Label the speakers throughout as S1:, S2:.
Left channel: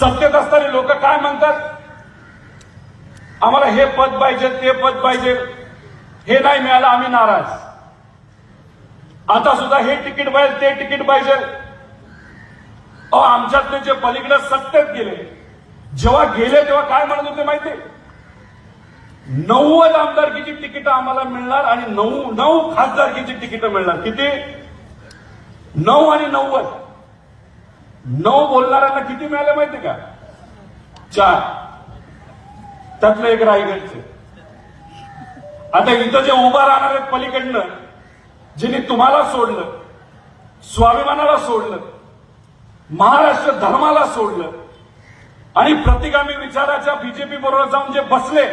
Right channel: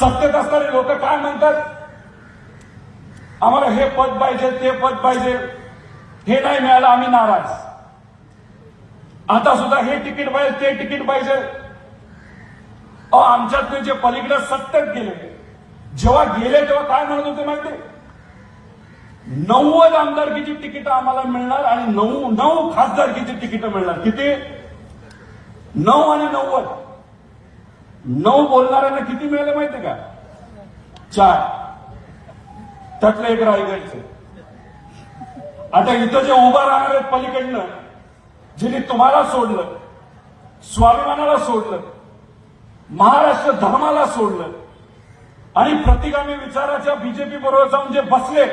S1: सत्तेत असताना लोक काय म्हणतात? आम्हाला हे पद पाहिजे ते पद पाहिजे. हे नाही मिळालं आम्ही नाराज. आता सुद्धा हे तिकीट पाहिजे ते तिकीट पाहिजे. अहो आमच्यातले जे पलीकडे सत्तेत गेले जेव्हा गेले तेव्हा काय म्हणत होते माहिती नव्वद आमदारकीची तिकीट आम्हाला मिळणार आणि नऊ नऊ खासदारकीची तिकीट मिळणार. किती? नऊ आणि नव्वद. नऊ बोलणाऱ्यांना किती मिळालं माहिती का? चार. त्यातलं एक रायगडचे आता इथं जे उभा राहणार आहेत पलीकडनं ज्यांनी तुम्हाला सोडलं स्वाभिमानाला सोडलं महाराष्ट्र धर्माला सोडलं आणि प्रतिगामी विचाराच्या बीजेपी बरोबर जाऊन जे बसले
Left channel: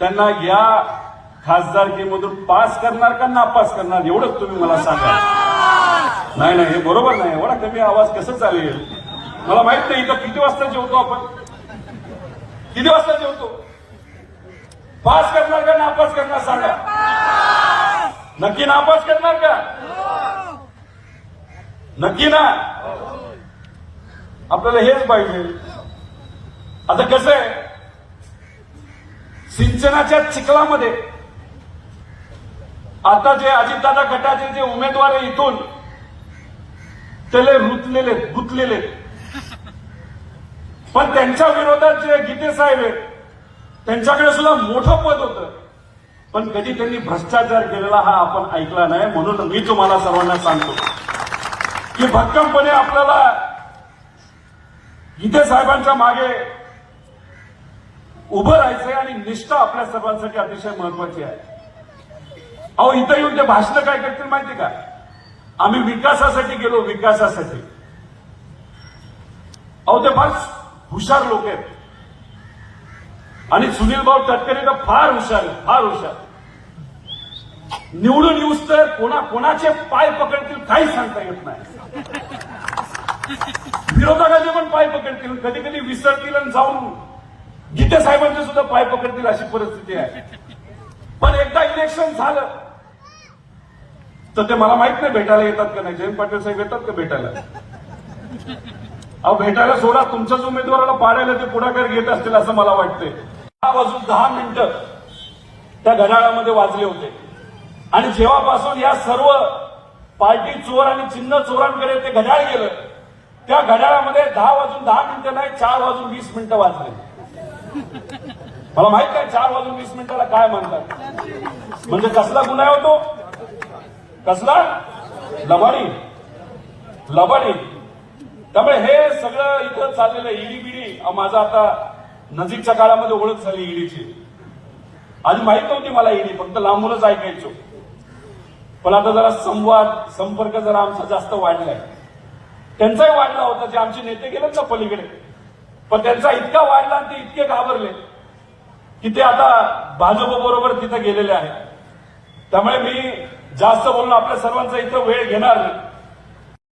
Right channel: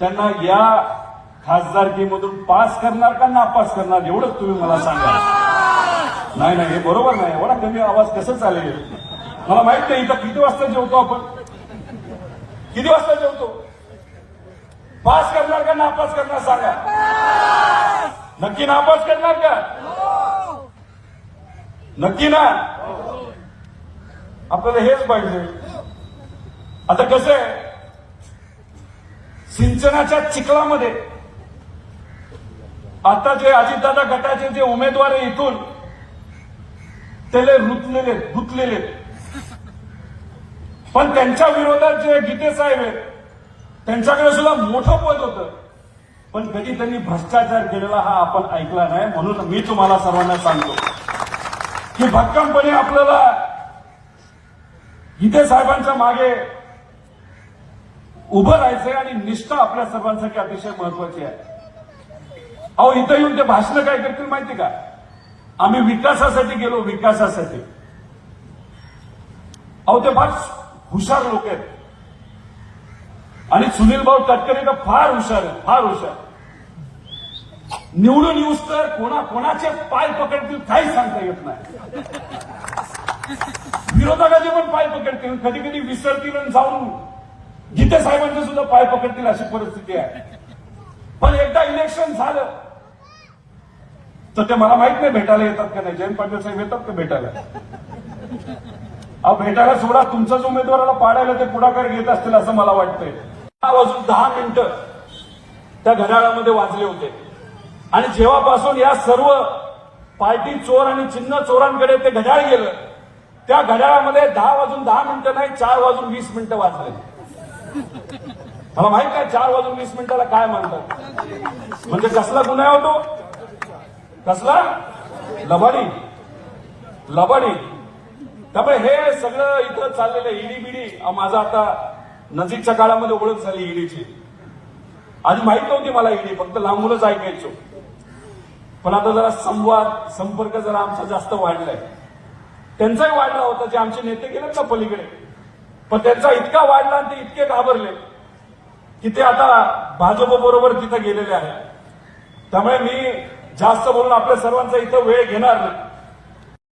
S1: त्यांना या खासदारकीमधून पास करणार का नापास करणार एवढंच तुम्ही मला सांगा. नाही नाही हे बरोबर नाही. एवढा कमी आवाज कसं चालेल? मला माहीत नाही इथं किती वाजता जेवतो आपण? किती वाजता जेवतो? पास करणार का नापास करणार सांगा. नक्की नापास करणार का? नक्की ना? आपल्याला हेच पाहिजे. आता कसं आहे? सिंचनाच्या चिखलामध्ये आता जे अजितदादा गटाचे जे उमेदवार इथून त्याला रुतलेले गुतलेले पण त्यांच्या विरोधात जे गीते साहेब आहेत त्यांच्याकडे सुद्धा मोठं पद होतं. पण कधी त्यांनी भ्रष्टाचार केलेला हा आपण ऐकला नाही म्हणून मी तुम्हाला सर्वांना सांगतो की भक्कमपणे आपल्याला गीते साहेबांच्या मागे उभं राहायचंय आणि निष्ठा आपल्या सर्वांसाठी अतिशय महत्वाची आहे. अहो इथं येऊन ते भाषण काय करतील माहिती का? आम्ही विकासासाठी गेलो विकासासाठी. अहो ते फार हुशार लोक आहेत. आणि सुनील भाऊ तटकरे तर फार हुशार आहेत फार हुशार निवडून येऊस तर कोणा कोणाचे पाय पकडतील काही सांगता येत नाही. विरोधकाचे पण पाय पकडतील. कधी कधी विसरतील आणि जाऊन गीते साहेबांचे सुद्धा पाय पकडतील अशी परिस्थिती आहे. पण एकदा इलेक्शन झालं तर ते मला माहीत नाही भेटायला येतात का नाही. जयंत पाटील साहेब येतात का भेटायला? अहो भेटायला सोडा. तुमच्याच उमेदवाराला पाडायला ते पुढाकार घेत असतील असं मला वाटतंय. दहा वाजून दहा मिनिटं त्या घड्याळामध्ये वाजले होते. आणि जेव्हापासून या सर्व पार्टी चोर आणि चिन्ह चोरांकडे ते घड्याळ गेलं त्या घड्याळामध्ये दहा वाजून दहा मिनिटं नाही चार वाजून वीस मिनिटं वाजले. अहो माहीत आहे चार वाजून वीस मिनिटाला काय म्हणतात. म्हणजे कसला गुन्हा होतो कसला? लबाडी. लबाडी. त्यामुळे हे सगळं इथं चाललेलं ईडी बिडी. माझा आता नजीकच्या काळामध्ये ओळख झाली ईडीची आधी माहीत नव्हती मला ईडी फक्त लांबूनच ऐकायचो. पण आता जरा संवाद संपर्क जरा आमचा जास्त वाढलाय. त्यांचाही वाढला होता. जे आमचे नेते गेलेत ना पलीकडे. पण त्यांचा इतका वाढला आणि ते इतके घाबरले की ते आता भाजप बरोबर तिथे गेलेले आहे त्यामुळे मी जास्त बोलणं आपल्या सर्वांचा इथं वेळ घेणार.